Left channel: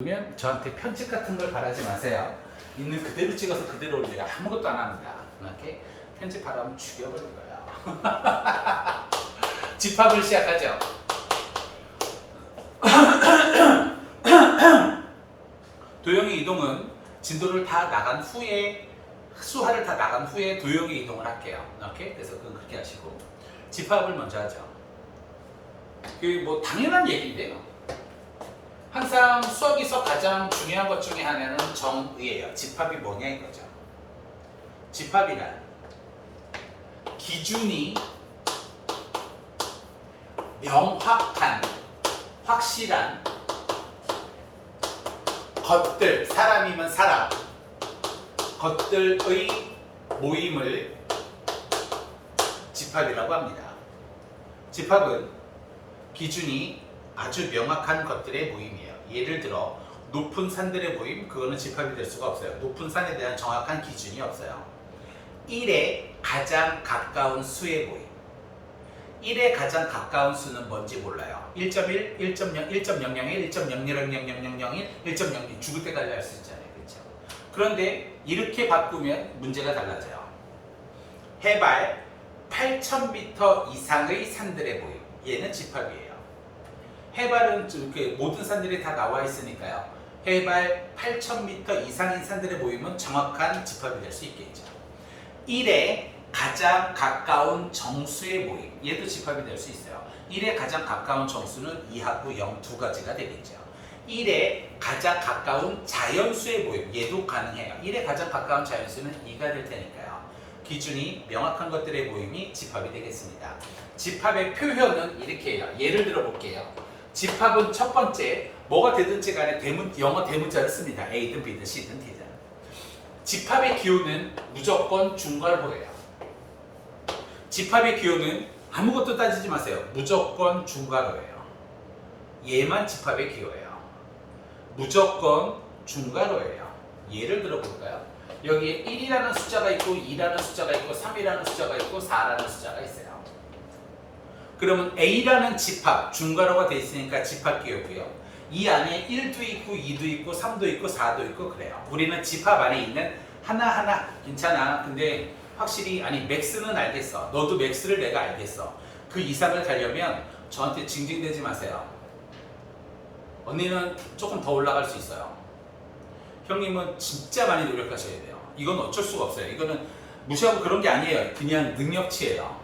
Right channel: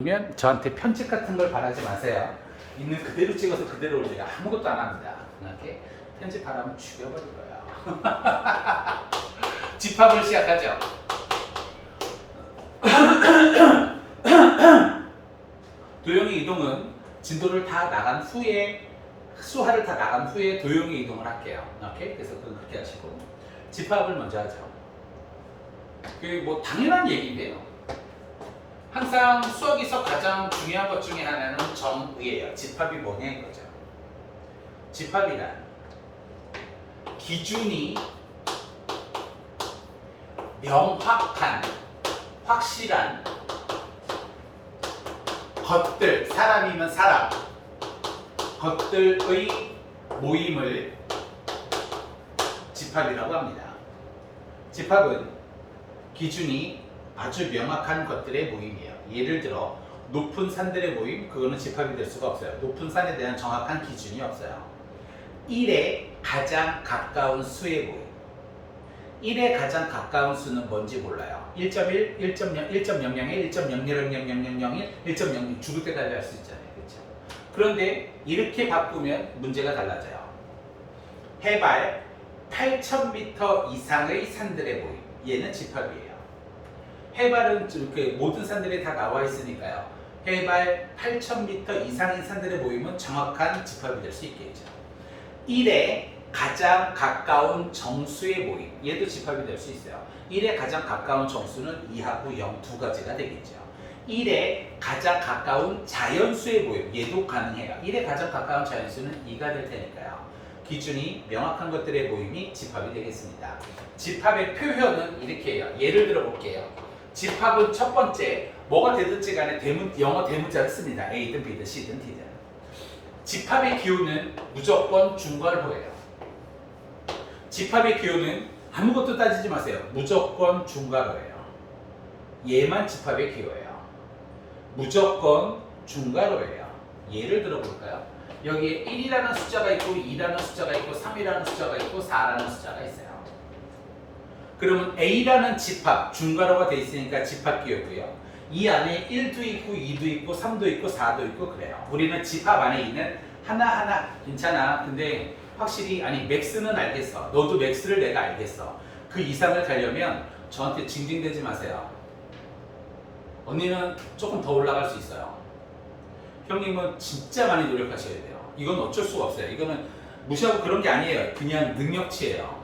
그러면 저한테 편집 같은 걸 바라지 마세요. 있는 그대로 찍어서 그대로 올리라. 아무것도 안 합니다. 이렇게 편집하라면 죽여버릴 거예요. 집합을 시작하죠. 도형의 이동은 진도를 다 나간 후에 수하를 다 나간 후에 도형의 이동을 할게요. 이렇게 그래서 그렇게 하시고 집합을 먼저 하죠. 그 뭐 당연한 얘기인데요. 항상 수학에서 가장 중요한 것 중에 하나는 정의예요. 집합이 뭐냐 이거죠. 집합이란 기준이 명확한, 확실한 것들, 사람이면 사람, 것들의 모임을 집합이라고 합니다. 집합은 기준이 아주 명확한 것들의 모임이에요. 예를 들어 높은 산들의 모임, 그거는 집합이 될 수가 없어요. 높은 산에 대한 정확한 기준이 없어요. 1에 가장 가까운 수의 모임. 1에 가장 가까운 수는 뭔지 몰라요. 1.1, 1.0, 1.001, 1.0000001, 1.02 죽을 때까지 할 수 있잖아요. 그렇죠? 그런데 이렇게 바꾸면 문제가 달라져요. 해발 8,000m 이상의 산들의 모임. 얘는 집합이에요. 해발은 이렇게 모든 산들이 다 나와 있으니까요. 해발 8,000m 이상인 산들의 모임은 정확한 집합이 될 수 있겠죠. 1에 가장 가까운 정수의 모임. 얘도 집합이 될 수 있어요. 1에 가장 가까운 정수는 2하고 0 두 가지가 되겠죠. 1에 가장 가까운 자연수의 모임. 얘도 가능해요. 1에 가장 가까운 자연수는 2가 될 테니까요. 기준이 명확한 것들의 모임이 집합이 되겠습니다. 집합의 표현은 이렇게 해요. 예를 들어 볼게요. 집합은 첫 번째, 뭐가 되든지 간에 영어 대문자를 씁니다. A든 B든 C든 D든. 집합의 기호는 무조건 중괄호예요. 집합의 기호는 아무것도 따지지 마세요. 무조건 중괄호예요. 얘만 집합의 기호예요. 무조건 중괄호예요. 예를 들어 볼까요? 여기에 1이라는 숫자가 있고 2라는 숫자가 있고 3이라는 숫자가 있고 4라는 숫자가 있어요. 그러면 A라는 집합, 중괄호가 되어 있으니까 집합 기호고요. 이 안에 1도 있고 2도 있고 3도 있고 4도 있고 그래요. 우리는 집합 안에 있는 하나하나 괜찮아. 근데 확실히 아니 맥스는 알겠어. 너도 맥스를 내가 알겠어. 그 이상을 가려면 저한테 징징대지 마세요. 언니는 조금 더 올라갈 수 있어요. 형님은 진짜 많이 노력하셔야 돼요. 이건 어쩔 수가 없어요. 이거는 무시하고 그런 게 아니에요. 그냥 능력치예요.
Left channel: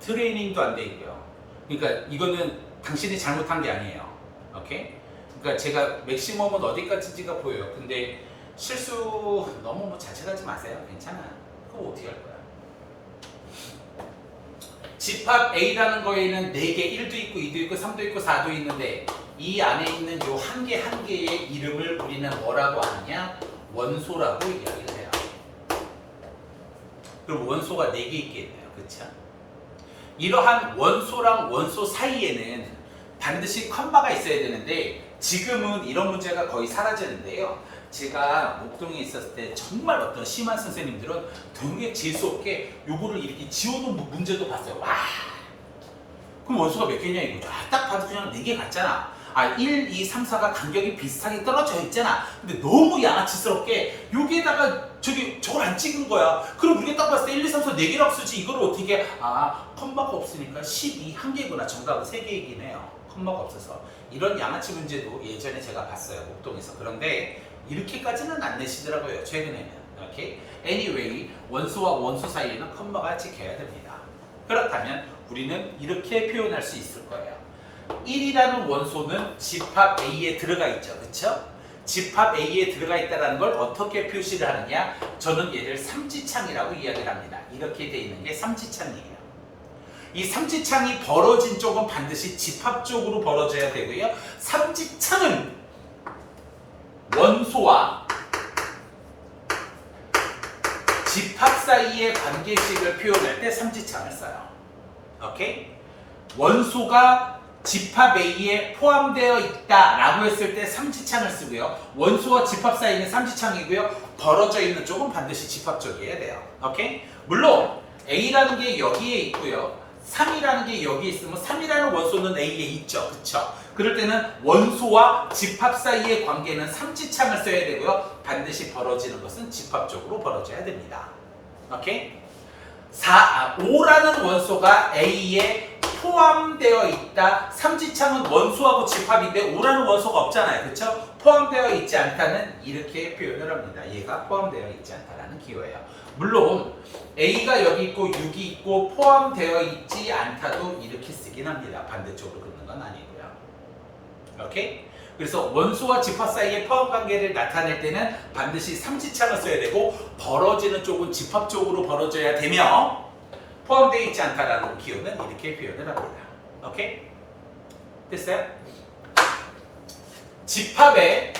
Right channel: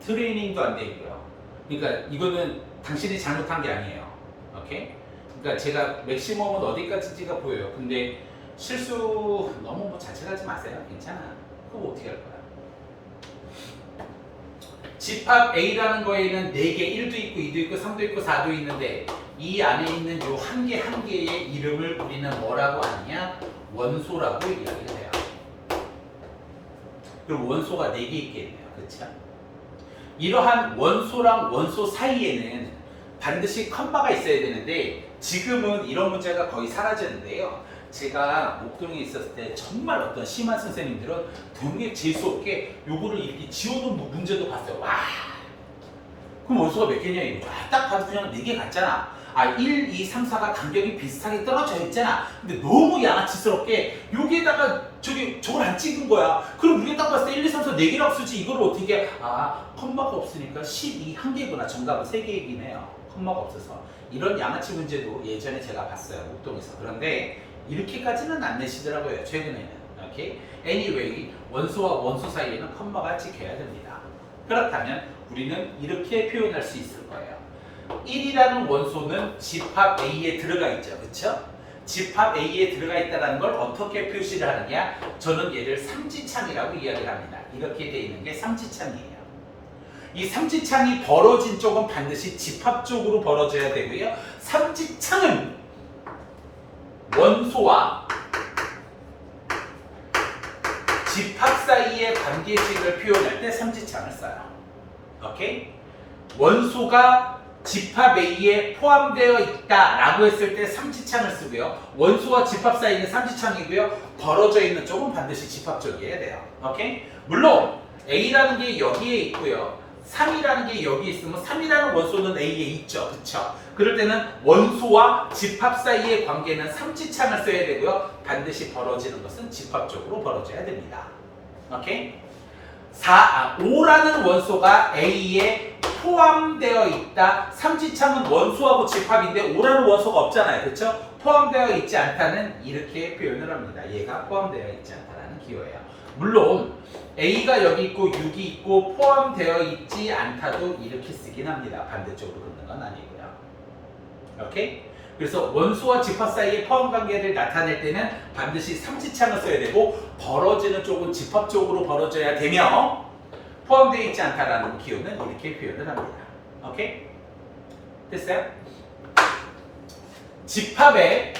트레이닝도 안 돼 있고요. 그러니까 이거는 당신이 잘못한 게 아니에요. 오케이? 그러니까 제가 맥시멈은 어디까지인지가 보여요. 근데 실수 너무 뭐 자책하지 마세요. 괜찮아. 그거 어떻게 할 거야? 집합 A라는 거에는 4개, 1도 있고 2도 있고 3도 있고 4도 있는데 이 안에 있는 요 한 개 한 개의 이름을 우리는 뭐라고 하느냐? 원소라고 이야기를 해요. 그럼 원소가 4개 있겠네요. 그렇죠? 이러한 원소랑 원소 사이에는 반드시 컴마가 있어야 되는데 지금은 이런 문제가 거의 사라졌는데요. 제가 목동에 있었을 때 정말 어떤 심한 선생님들은 되게 재수없게 요거를 이렇게 지워놓은 문제도 봤어요. 와, 그럼 원소가 몇 개냐 이거죠. 딱 봐도 그냥 4개 같잖아. 1, 2, 3, 4가 간격이 비슷하게 떨어져 있잖아. 근데 너무 양아치스럽게 여기에다가 저걸 안 찍은 거야. 그럼 우리가 딱 봤을 때 1, 2, 3, 4 4개라고 쓰지. 이걸 어떻게 컴마가 없으니까 12 한 개구나. 정답은 3개이긴 해요. 컴마가 없어서. 이런 양아치 문제도 예전에 제가 봤어요. 목동에서. 그런데 이렇게까지는 안 내시더라고요. 최근에는. 오케이? Anyway, 원소와 원소 사이에는 컴마가 찍혀야 됩니다. 그렇다면 우리는 이렇게 표현할 수 있을 거예요. 1이라는 원소는 집합 A에 들어가 있죠. 그쵸? 집합 A에 들어가 있다는 걸 어떻게 표시를 하느냐? 저는 얘를 삼지창이라고 이야기를 합니다. 이렇게 되어 있는 게 삼지창이에요. 이 삼지창이 벌어진 쪽은 반드시 집합 쪽으로 벌어져야 되고요. 삼지창은 원소와 집합 사이의 관계식을 표현할 때 삼지창을 써요. 오케이? 원소가 집합 A에 포함되어 있다라고 했을 때 삼지창을 쓰고요. 원소와 집합 사이는 삼지창이고요. 벌어져 있는 쪽은 반드시 집합 쪽이어야 돼요. 오케이? 물론 A라는 게 여기에 있고요. 3이라는 게 여기에 있으면 3이라는 원소는 A에 있죠. 그쵸? 그럴 때는 원소와 집합 사이의 관계는 삼지창을 써야 되고요. 반드시 벌어지는 것은 집합적으로 벌어져야 됩니다. 오케이? 5라는 원소가 A에 포함되어 있다. 삼지창은 원소하고 집합인데 5라는 원소가 없잖아요. 그렇죠? 포함되어 있지 않다는 이렇게 표현을 합니다. 얘가 포함되어 있지 않다라는 기호예요. 물론 A가 여기 있고 6이 있고 포함되어 있지 않다도 이렇게 쓰긴 합니다. 반대쪽으로 긋는 건 아니고요. 오케이? 그래서 원소와 집합 사이의 포함 관계를 나타낼 때는 반드시 삼지창을 써야 되고 벌어지는 쪽은 집합 쪽으로 벌어져야 되며 포함되어 있지 않다라는 기호는 이렇게 표현을 합니다. 오케이? 됐어요? 집합의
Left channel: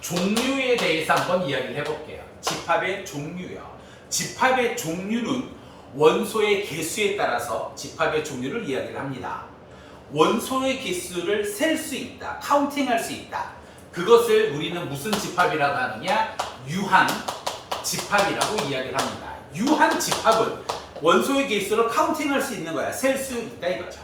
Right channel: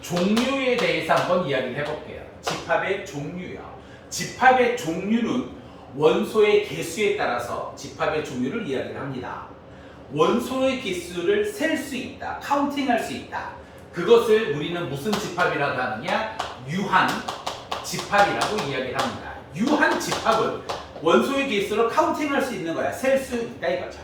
종류에 대해서 한번 이야기를 해볼게요. 집합의 종류요. 집합의 종류는 원소의 개수에 따라서 집합의 종류를 이야기를 합니다. 원소의 개수를 셀 수 있다. 카운팅할 수 있다. 그것을 우리는 무슨 집합이라고 하느냐? 유한 집합이라고 이야기를 합니다. 유한 집합은 원소의 개수를 카운팅할 수 있는 거야. 셀 수 있다 이거죠.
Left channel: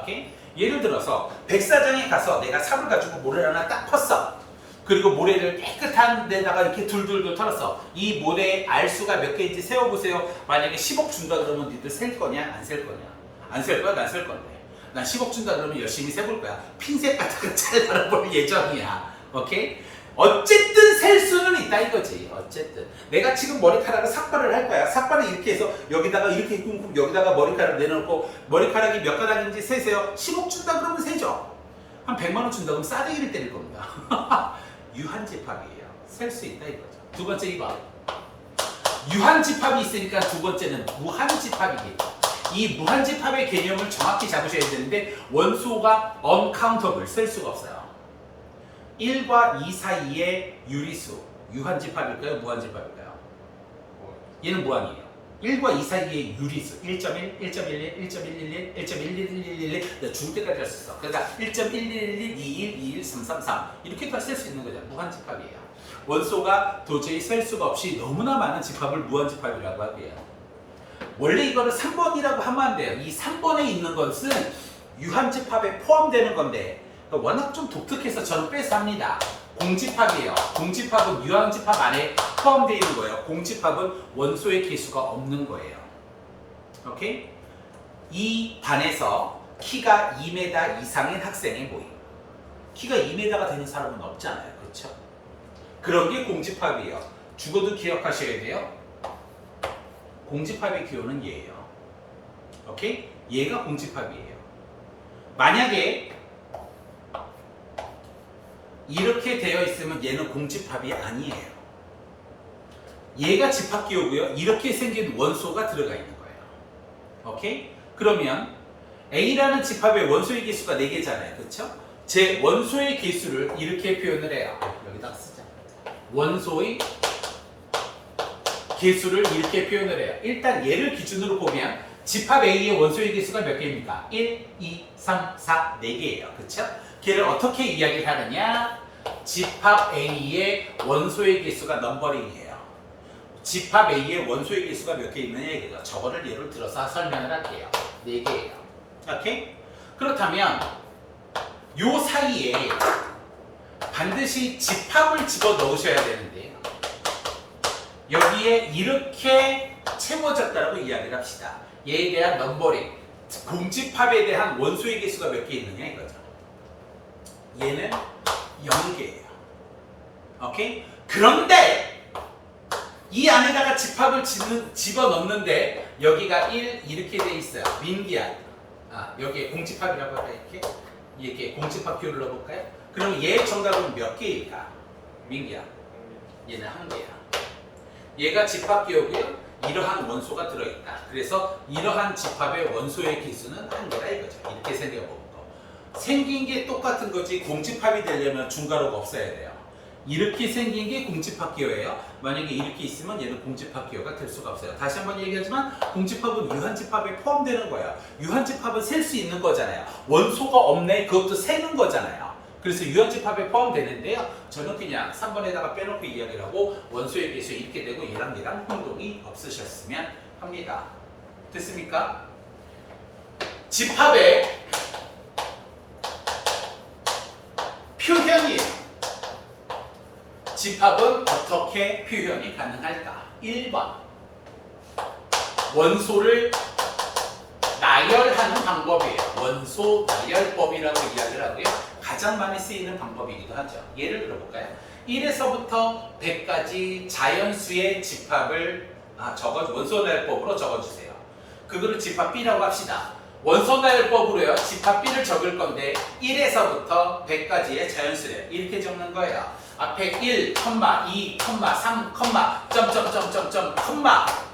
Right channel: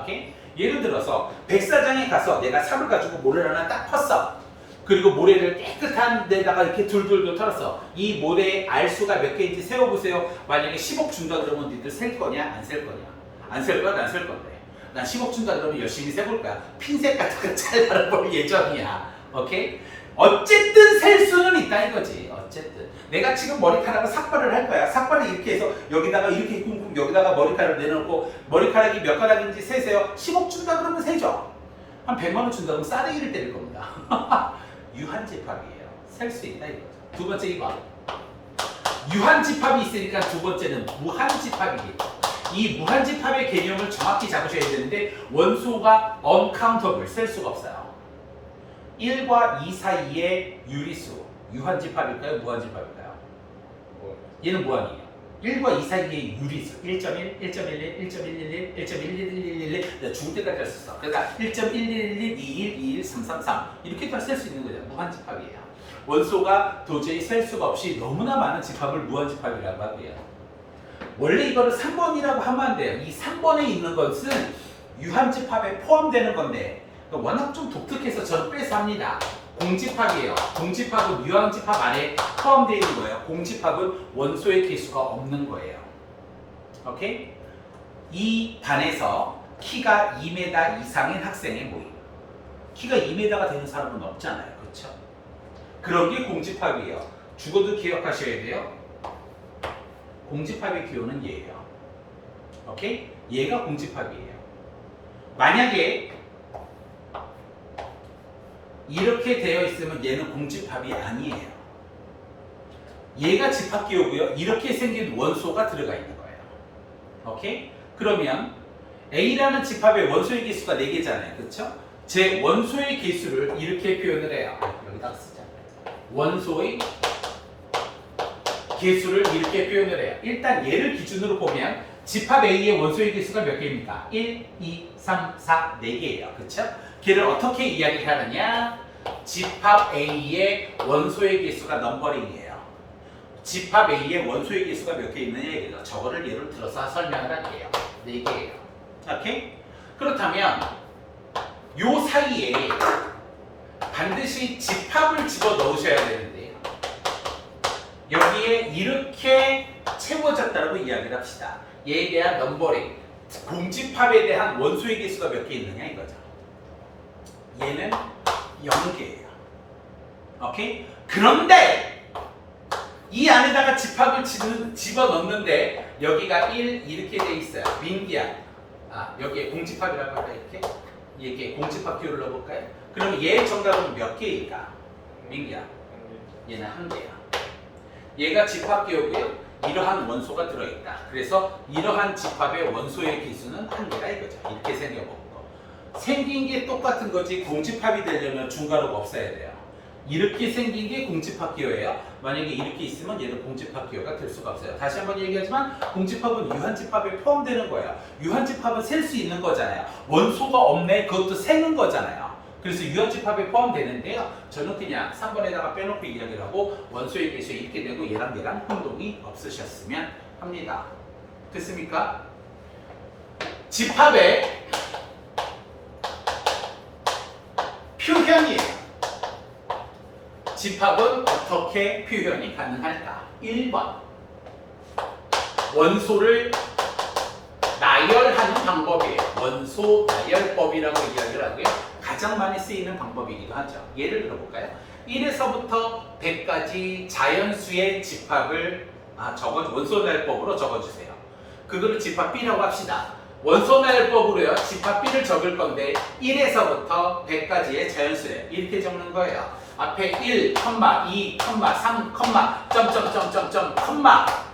오케이? 예를 들어서 백사장에 가서 내가 삽을 가지고 모래를 하나 딱 펐어. 그리고 모래를 깨끗한 데다가 이렇게 둘둘둘 털었어. 이 모래의 알수가 몇 개인지 세어보세요. 만약에 10억 준다 그러면 니들 셀 거냐? 안 셀 거냐? 안 셀 거야? 난 셀 건데. 난 10억 준다 그러면 열심히 세볼 거야. 핀셋 같은 거 잘 알아볼 예정이야. 오케이? 어쨌든 셀 수는 있다 이거지. 어쨌든 내가 지금 머리카락을 삭발을 할 거야. 삭발을 이렇게 해서 여기다가 이렇게 쿵쿵 여기다가 머리카락을 내놓고 머리카락이 몇 가락인지 세세요. 10억 준다 그러면 세죠. 한 100만 원 준다 그러면 싸대기를 때릴 겁니다. 유한집합이에요. 셀 수 있다 이거죠. 두 번째 2번. 유한집합이 있으니까 두 번째는 무한집합이겠죠. 이 무한집합의 개념을 정확히 잡으셔야 되는데 원소가 uncountable, 셀 수가 없어요. 1과 2 사이의 유리수, 유한집합일까요? 무한집합일까요? 얘는 무한이에요. 1과 2 사이의 유리수 1.1, 1.11, 1.111, 1.11111 내가 죽을 때까지 할 수 있어. 그러니까 1.1111, 21, 21, 333 이렇게 다 셀 수 있는 거죠. 무한집합이에요. 원소가 도저히 셀 수가 없이 너무나 많은 집합을 무한집합이라고 하고요. 원래 이거를 3번이라고 하면 안 돼요. 이 3번에 있는 것은 유한집합에 포함되는 건데 워낙 좀 독특해서 저는 빼서 합니다. 공집합이에요. 공집합은 유한집합 안에 포함되어 있는 거예요. 공집합은 원소의 개수가 없는 거예요. 오케이? 이 반에서 키가 2m 이상인 학생의 모임. 키가 2m가 되는 사람은 없잖아요. 그렇죠? 그런 게 공집합이에요. 죽어도 기억하셔야 돼요. 공집합의 기호는 얘예요. 오케이? 얘가 공집합이에요. 만약에 이렇게 되어 있으면 얘는 공집합이 아니에요. 얘가 집합기호고요. 이렇게 생긴 원소가 들어가 있는 거예요. 오케이? 그러면 A라는 집합의 원소의 개수가 4개잖아요. 그렇죠? 제 원소의 개수를 이렇게 표현을 해요. 여기다가 쓰자. 원소의 개수를 이렇게 표현을 해요. 일단 얘를 기준으로 보면 집합 A의 원소의 개수가 몇 개입니까? 1, 2, 3, 4, 4개예요. 그렇죠? 걔를 어떻게 이야기를 하느냐? 집합 A의 원소의 개수가 넘버링이에요. 집합 A의 원소의 개수가 몇 개 있느냐 이거죠. 저거를 예를 들어서 설명을 할게요. 4개예요. 오케이? 그렇다면 요 사이에 반드시 집합을 집어 넣으셔야 되는데요. 여기에 이렇게 채워졌다고 이야기를 합시다. 얘에 대한 넘버링, 공집합에 대한 원소의 개수가 몇 개 있느냐 이거죠. 얘는 0개예요. 오케이? 그런데 이 안에다가 집합을 집어넣는데 여기가 1 이렇게 돼 있어요. 민기야. 여기에 공집합이라고 할까 이렇게? 이게 공집합 기호를 넣어볼까요? 그럼 얘의 정답은 몇 개일까? 민기야. 얘는 1개야. 얘가 집합 기호고요. 이러한 원소가 들어있다. 그래서 이러한 집합의 원소의 개수는 1개다 이거죠. 이렇게 생겨보고 생긴 게 똑같은 거지 공집합이 되려면 중괄호가 없어야 돼요. 이렇게 생긴 게 공집합 기호예요. 만약에 이렇게 있으면 얘는 공집합 기호가 될 수가 없어요. 다시 한번 얘기하지만 공집합은 유한집합에 포함되는 거예요. 유한집합은 셀 수 있는 거잖아요. 원소가 없네 그것도 세는 거잖아요. 그래서 유한집합에 포함되는데요. 저는 그냥 3번에다가 빼놓고 이야기를 하고 원소의 개수 이렇게 되고 얘랑 혼동이 없으셨으면 합니다. 됐습니까? 집합의 표현이에요. 집합은 어떻게 표현이 가능할까? 1번 원소를 나열하는 방법이에요. 원소 나열법이라고 이야기를 하고요. 가장 많이 쓰이는 방법이기도 하죠. 예를 들어볼까요? 1에서부터 100까지 자연수의 집합을 원소 나열법으로 적어주세요. 그거를 집합 B라고 합시다. 원소 나열법으로요. 집합 B를 적을 건데 1에서부터 100까지의 자연수래. 이렇게 적는 거예요. 앞에 1, 2, 3, 점점점점점,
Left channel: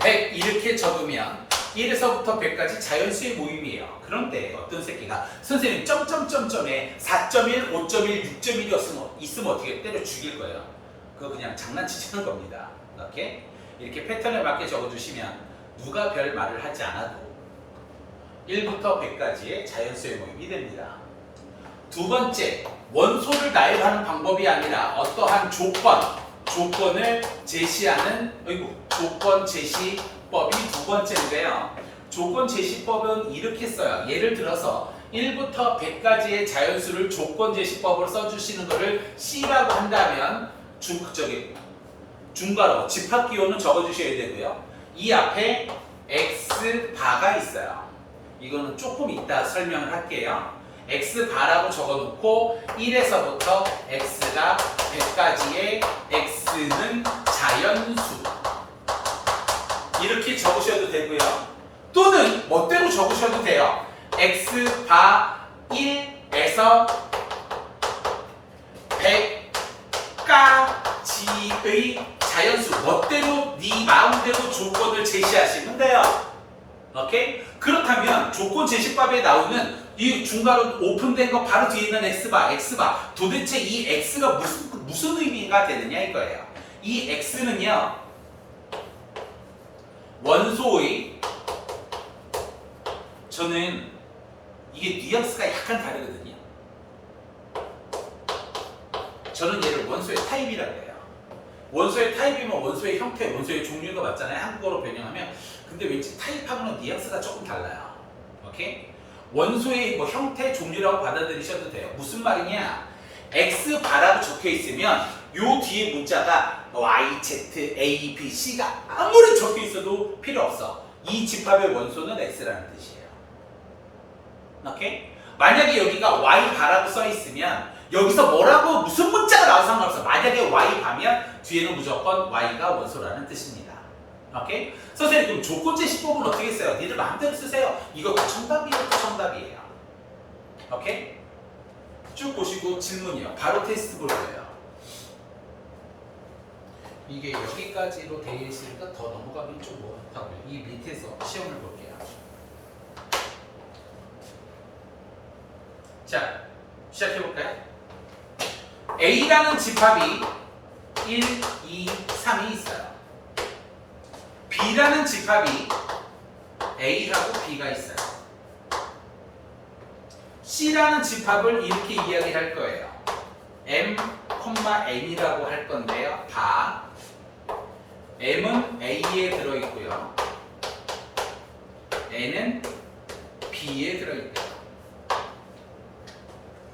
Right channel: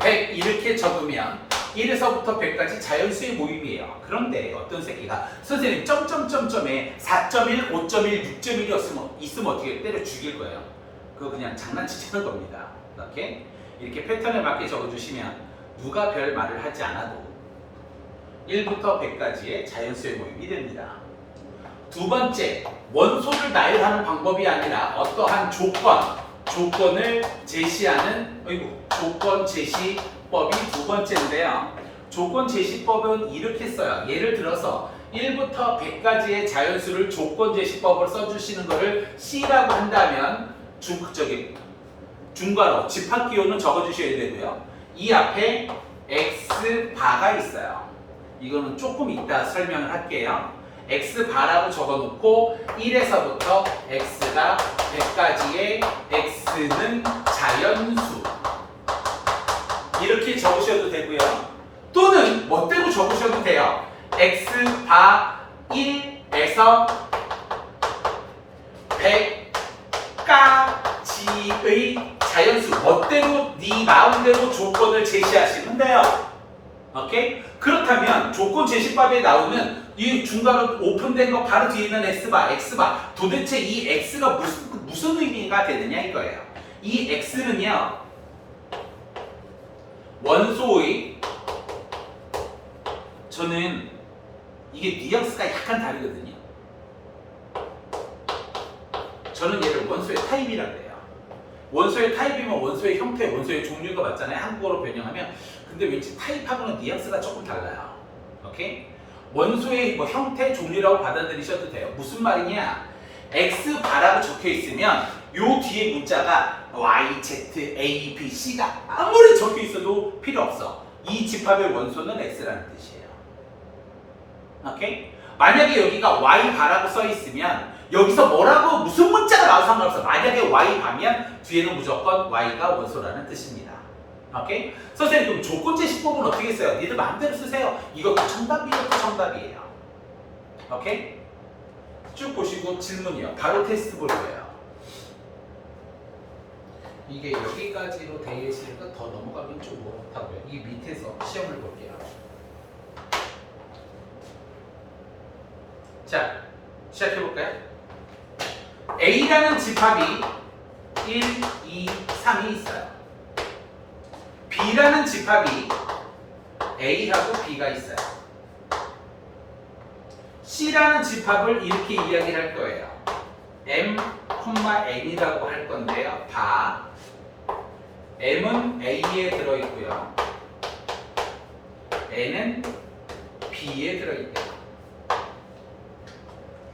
100 이렇게 적으면 1에서부터 100까지 자연수의 모임이에요. 그런데 어떤 새끼가 선생님 점점점점에 4.1, 5.1, 6.1이 있으면 어떻게 때려 죽일 거예요. 그거 그냥 장난치자는 겁니다. 이렇게 패턴에 맞게 적어주시면 누가 별 말을 하지 않아도 1부터 100까지의 자연수의 모임이 됩니다. 두 번째, 원소를 나열하는 방법이 아니라 어떠한 조건을 제시하는 조건 제시법이 두 번째인데요. 조건 제시법은 이렇게 써요. 예를 들어서 1부터 100까지의 자연수를 조건 제시법으로 써주시는 것을 C라고 한다면 중괄호 집합 기호는 적어주셔야 되고요. 이 앞에 X바가 있어요. 이거는 조금 이따 설명을 할게요. X바라고 적어놓고 1에서부터 X가 100까지의 X는 자연수 이렇게 적으셔도 되고요. 또는 멋대로 적으셔도 돼요. X바 1에서 100까지의 자연수 멋대로 네 마음대로 조건을 제시하시면 돼요. 오케이? 그렇다면 조건 제시법에 나오는 이 중괄호 오픈된 거 바로 뒤에 있는 X바 도대체 이 X가 무슨 의미가 되느냐 이거예요. 이 X는요 원소의 저는 이게 뉘앙스가 약간 다르거든요. 저는 얘를 원소의 타입이라고 해요. 원소의 타입이면 원소의 형태, 원소의 종류가 맞잖아요. 한국어로 변형하면. 근데 왠지 타입하고는 뉘앙스가 조금 달라요. 오케이? 원소의 형태, 종류라고 받아들이셔도 돼요. 무슨 말이냐? X바라고 적혀 있으면 요 뒤에 문자가 Y, Z, A, B, C가 아무리 적혀 있어도 필요 없어. 이 집합의 원소는 X라는 뜻이에요. 오케이? 만약에 여기가 Y바라고 써 있으면 여기서 뭐라고 무슨 문자가 나와도 상관없어. 만약에 Y바면 뒤에는 무조건 Y가 원소라는 뜻입니다. 오케이? 선생님 그럼 조건 제시법은 어떻게 써요? 니들 마음대로 쓰세요. 이것도 정답이에요. 이것도 정답이에요. 오케이? 쭉 보시고 질문이요. 바로 테스트 볼 거예요. 이게 여기까지로 되어 있으니까 더 넘어가긴 좀 못하고요. 이 밑에서 시험을 볼게요. 자, 시작해볼까요? A라는 집합이 1, 2, 3이 있어요. B라는 집합이 A하고 B가 있어요. C라는 집합을 이렇게 이야기할 거예요. M, N이라고 할 건데요. 바 M은 A에 들어있고요. N은 B에 들어있다.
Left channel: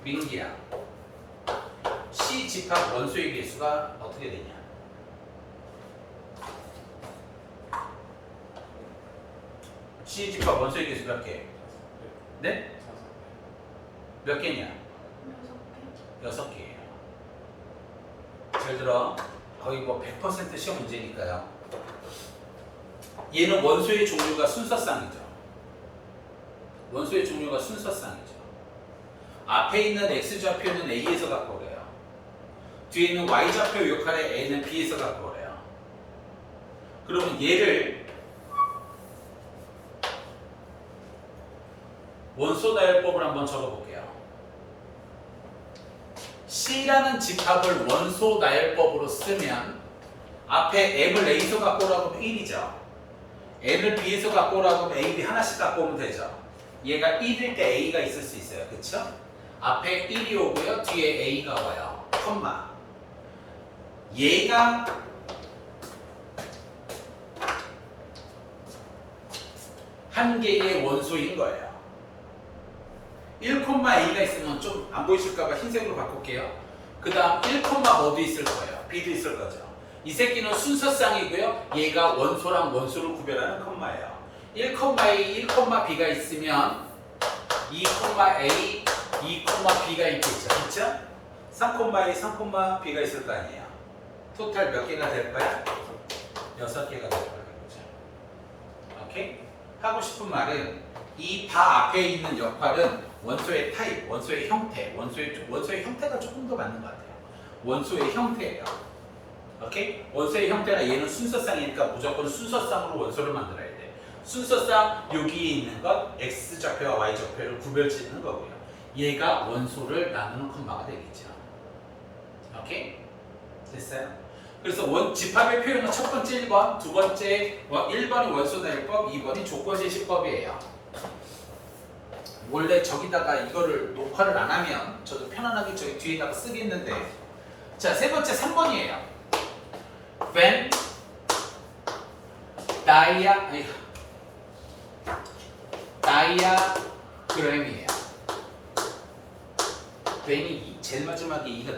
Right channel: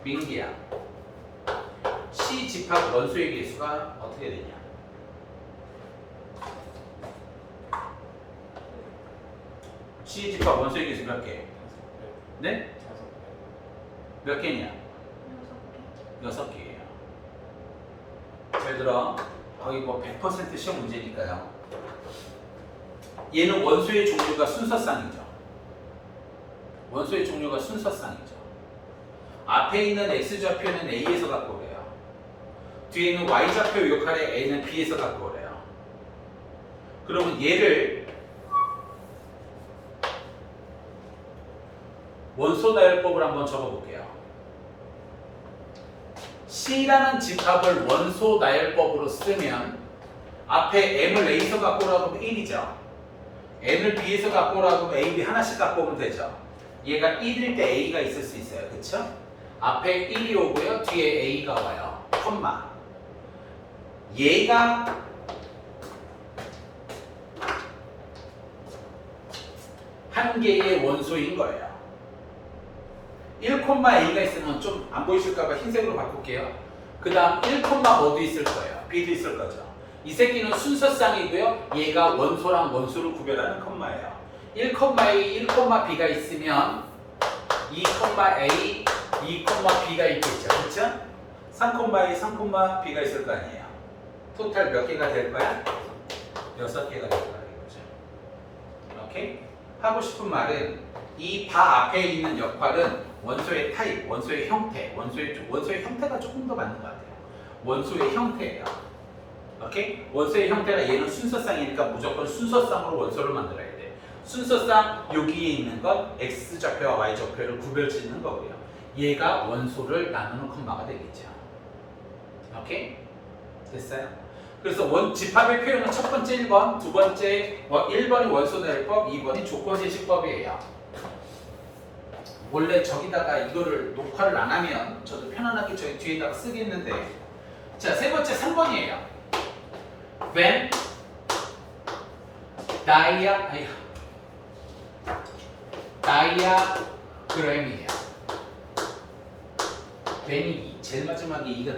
민기야. C 집합 원소의 개수가 어떻게 되냐? C 집합 원소의 개수 몇 개? 네? 몇 개냐? 6개예요. 잘 들어. 거의 뭐 100% 시험 문제니까요. 얘는 원소의 종류가 순서쌍이죠. 원소의 종류가 순서쌍이죠. 앞에 있는 X좌표는 A에서 갖고 오래요. 뒤에 있는 Y좌표 역할의 A는 B에서 갖고 오래요. 그러면 얘를 원소 나열법을 한번 적어볼게요. C라는 집합을 원소 나열법으로 쓰면 앞에 M을 A에서 갖고 오라고 하면 1이죠. N을 B에서 갖고 오라고 하면 A, B 하나씩 갖고 오면 되죠. 얘가 1일 때 A가 있을 수 있어요. 그쵸? 앞에 1이 오고요. 뒤에 A가 와요. 콤마. 얘가 한 개의 원소인 거예요. 1,A가 있으면 좀 안 보이실까봐 흰색으로 바꿀게요. 그 다음 1, 뭐도 있을 거예요. B도 있을 거죠. 이 새끼는 순서쌍이고요. 얘가 원소랑 원소를 구별하는 컴마예요. 1,A, 1,B가 있으면 2,A, 2,B가 있겠죠. 그쵸? 3,A, 3,B가 있을 거 아니에요. 토탈 몇 개가 될 거야? 6개가 될 거야. 그죠? 오케이? 하고 싶은 말은 이 바 앞에 있는 역할은 원소의 타입, 원소의 형태, 원소의 형태가 조금 더 맞는 것 같아요. 원소의 형태예요. 오케이? 원소의 형태가 얘는 순서쌍이니까 무조건 순서쌍으로 원소를 만들어야 돼. 순서쌍 여기에 있는 건 X좌표와 Y좌표를 구별짓는 거고요. 얘가 원소를 나누는 컴마가 되겠죠. 오케이? 됐어요? 그래서 집합의 표현은 첫 번째 1번, 두 번째 1번이 원소나열법, 2번이 조건제시법이에요. 원래 저기다가 이거를 녹화를 안 하면 저도 편안하게 저기 뒤에다가 쓰겠는데, 자, 세 번째 3번이에요. When diagram이에요. when이 제일 마지막에 이가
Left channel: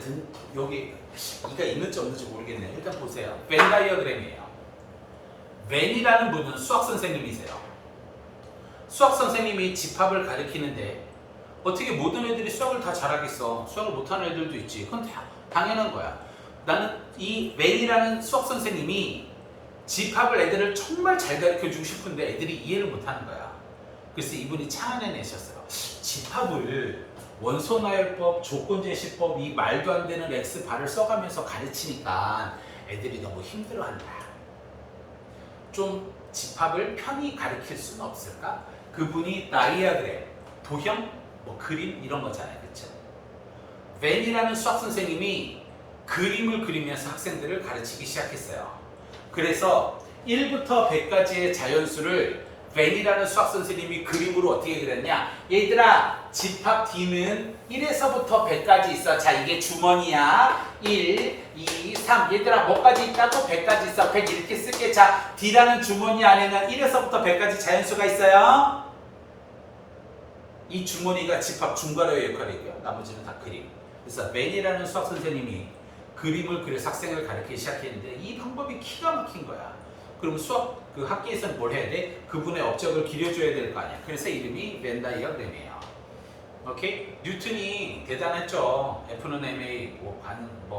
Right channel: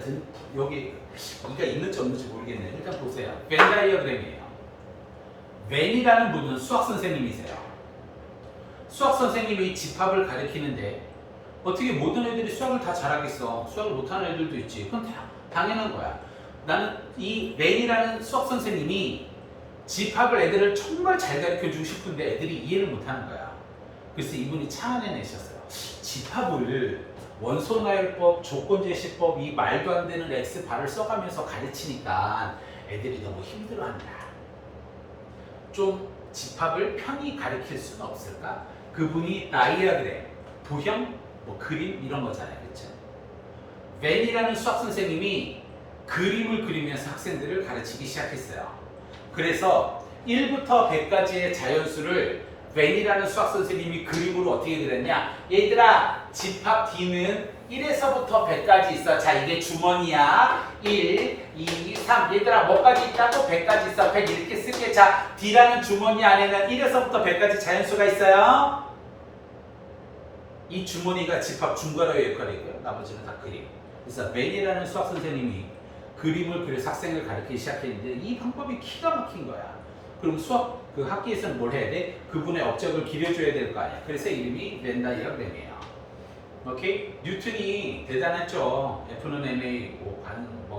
여기 이가 있는지 없는지 모르겠네요. 일단 보세요. Venn diagram이에요. Venn이라는 분은 수학 선생님이세요. 수학 선생님이 집합을 가르치는데 어떻게 모든 애들이 수학을 다 잘하겠어? 수학을 못하는 애들도 있지. 그건 당연한 거야. 나는 이 Venn이라는 수학 선생님이 집합을 애들을 정말 잘 가르쳐주고 싶은데 애들이 이해를 못하는 거야. 그래서 이분이 차안해내셨어요. 집합을 원소나열법, 조건제시법, 이 말도 안 되는 X바를 써가면서 가르치니까 애들이 너무 힘들어한다. 좀 집합을 편히 가르칠 수는 없을까? 그분이 다이아그램, 도형, 그림 이런 거잖아요. 그렇죠? 웬이라는 수학 선생님이 그림을 그리면서 학생들을 가르치기 시작했어요. 그래서 1부터 100까지의 자연수를 웬이라는 수학 선생님이 그림으로 어떻게 그렸냐? 얘들아, 집합 D는 1에서부터 100까지 있어. 자, 이게 주머니야. 1, 2, 3. 얘들아, 뭐까지 있다고? 100까지 있어. 100 이렇게 쓸게. 자, D라는 주머니 안에는 1에서부터 100까지 자연수가 있어요. 이 주머니가 집합 중괄호의 역할이고요. 나머지는 다 그림. 그래서 맨이라는 수학 선생님이 그림을 그려서 학생을 가르치기 시작했는데 이 방법이 기가 막힌 거야. 그럼 수학 그 학기에서는 뭘 해야 돼? 그분의 업적을 기려줘야 될 거 아니야. 그래서 이름이 벤 다이어그램이에요. 오케이? 뉴턴이 대단했죠. F는 ma,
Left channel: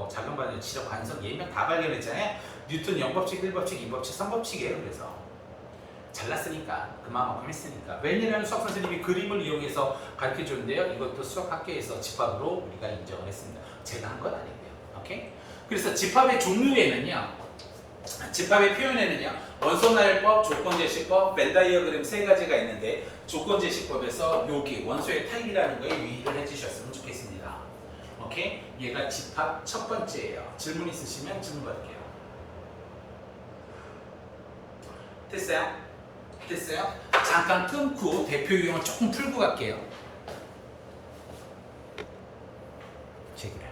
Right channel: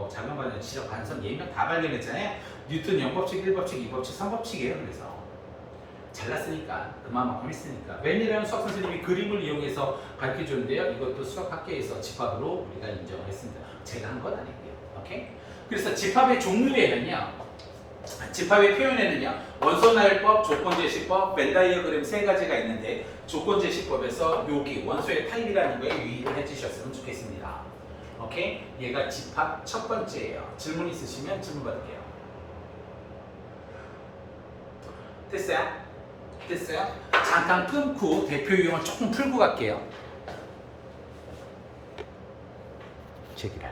작은 반응, 지적 관성, 예명 다 발견했잖아요. 뉴턴 0법칙, 1법칙, 2법칙, 3법칙이에요. 그래서 잘났으니까 그만큼 했으니까. 웬이라는 수학 선생님이 그림을 이용해서 가르쳐 주는데요. 이것도 수학 학계에서 집합으로 우리가 인정을 했습니다. 제가 한 건 아니고요. 오케이? 그래서 집합의 종류에는요. 집합의 표현에는요. 원소나열법, 조건제시법, 벤 다이어그램 세 가지가 있는데 조건제시법에서 여기 원소의 타입이라는 거에 유의를 해주셨으면 좋겠습니다. 오케이? 얘가 집합 첫 번째예요. 질문 있으시면 질문 받을게요. 됐어요? 됐어요? 잠깐 끊고 대표 유형을 조금 풀고 갈게요. 제기랄.